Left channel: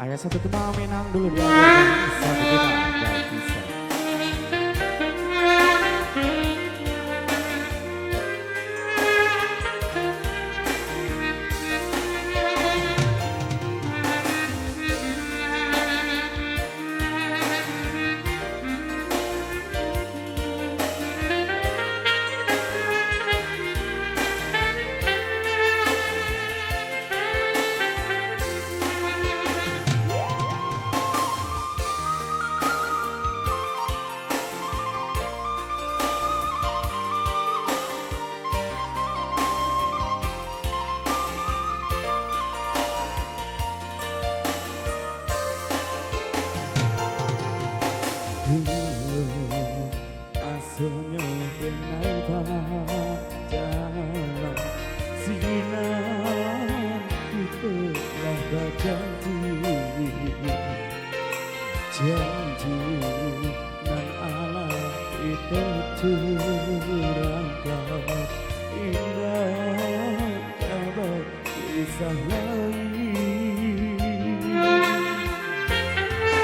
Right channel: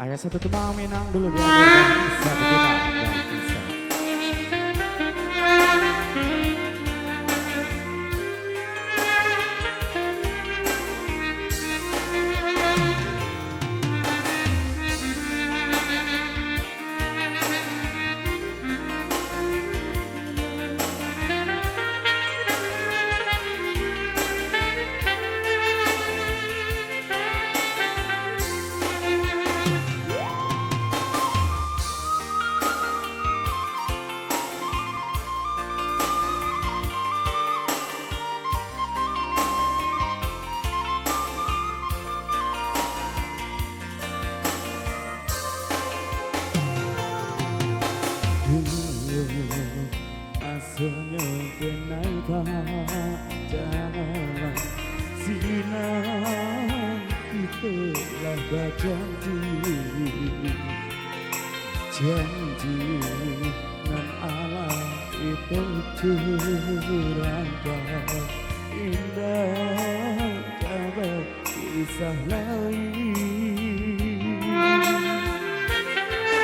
Ayah satu tembang Minang dulu dihadirkan satu kita Bang Bisa. Asalnya benai jalan sinan kita lah janji nan Allah itu curangkan indah kabar kisah lain.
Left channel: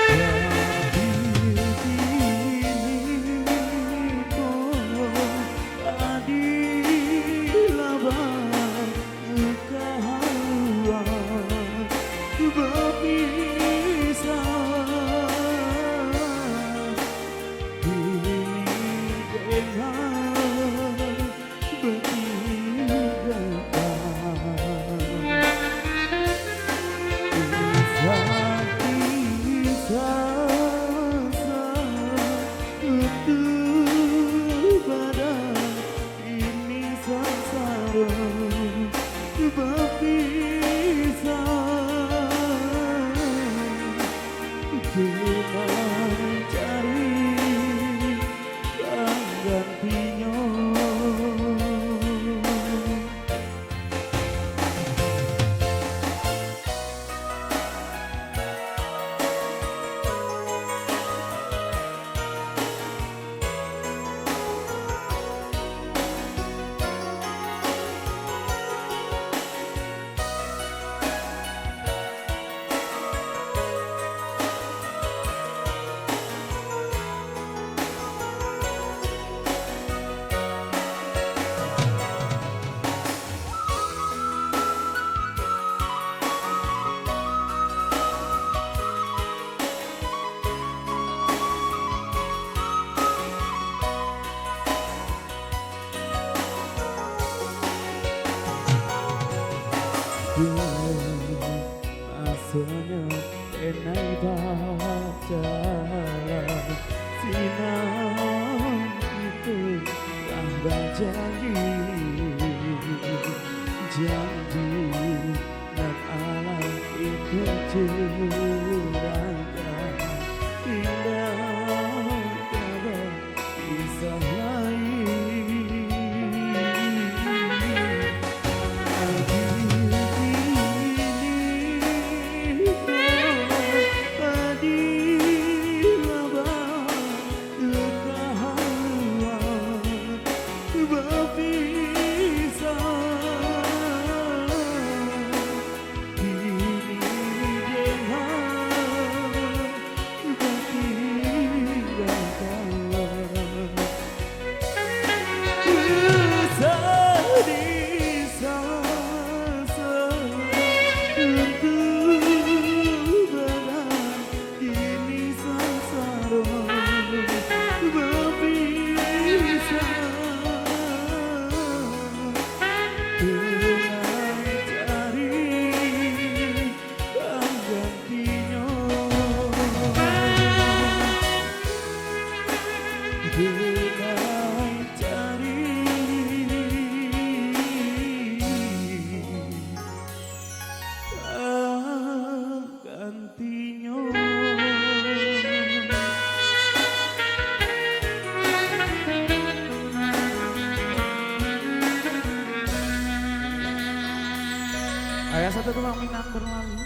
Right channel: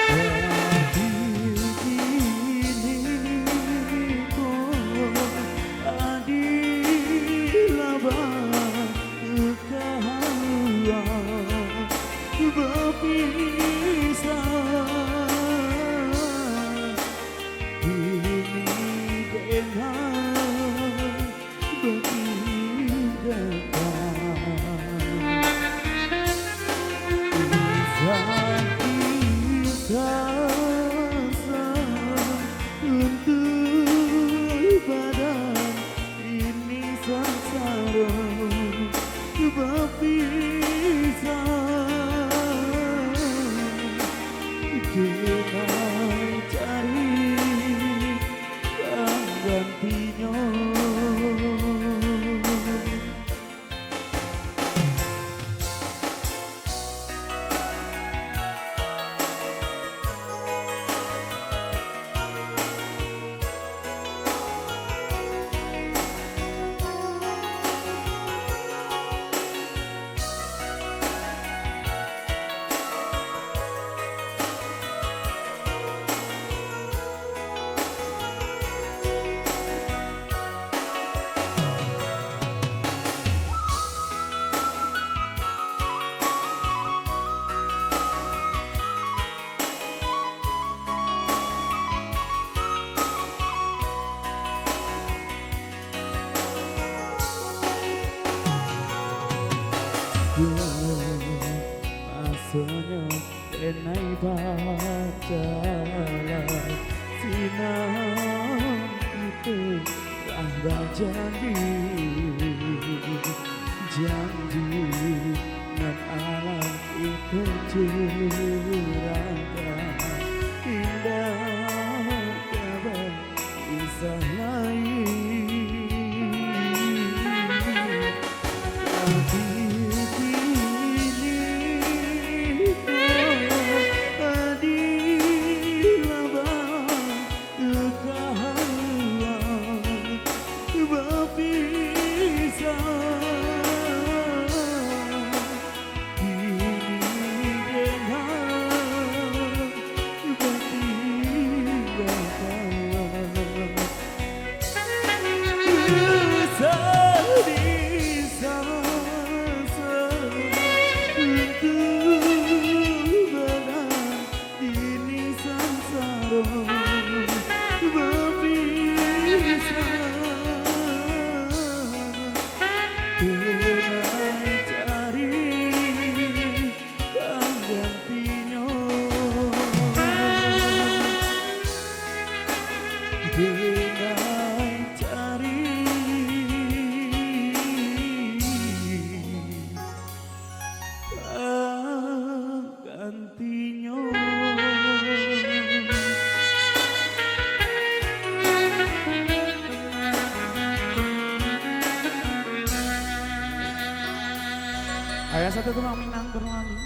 Tapi kini kau adilah berkehaluan berpisah. Ini dengan bertinggalkan kisah untuk badan ini sengsara berpisah dengan cari penggantinya. Masanya denai jalan sinan itu lah janji nan alam itu curangkan indah kabar kisah lain. Tapi denai cari penggantinya. Ayah satu tukang Minang berlalu.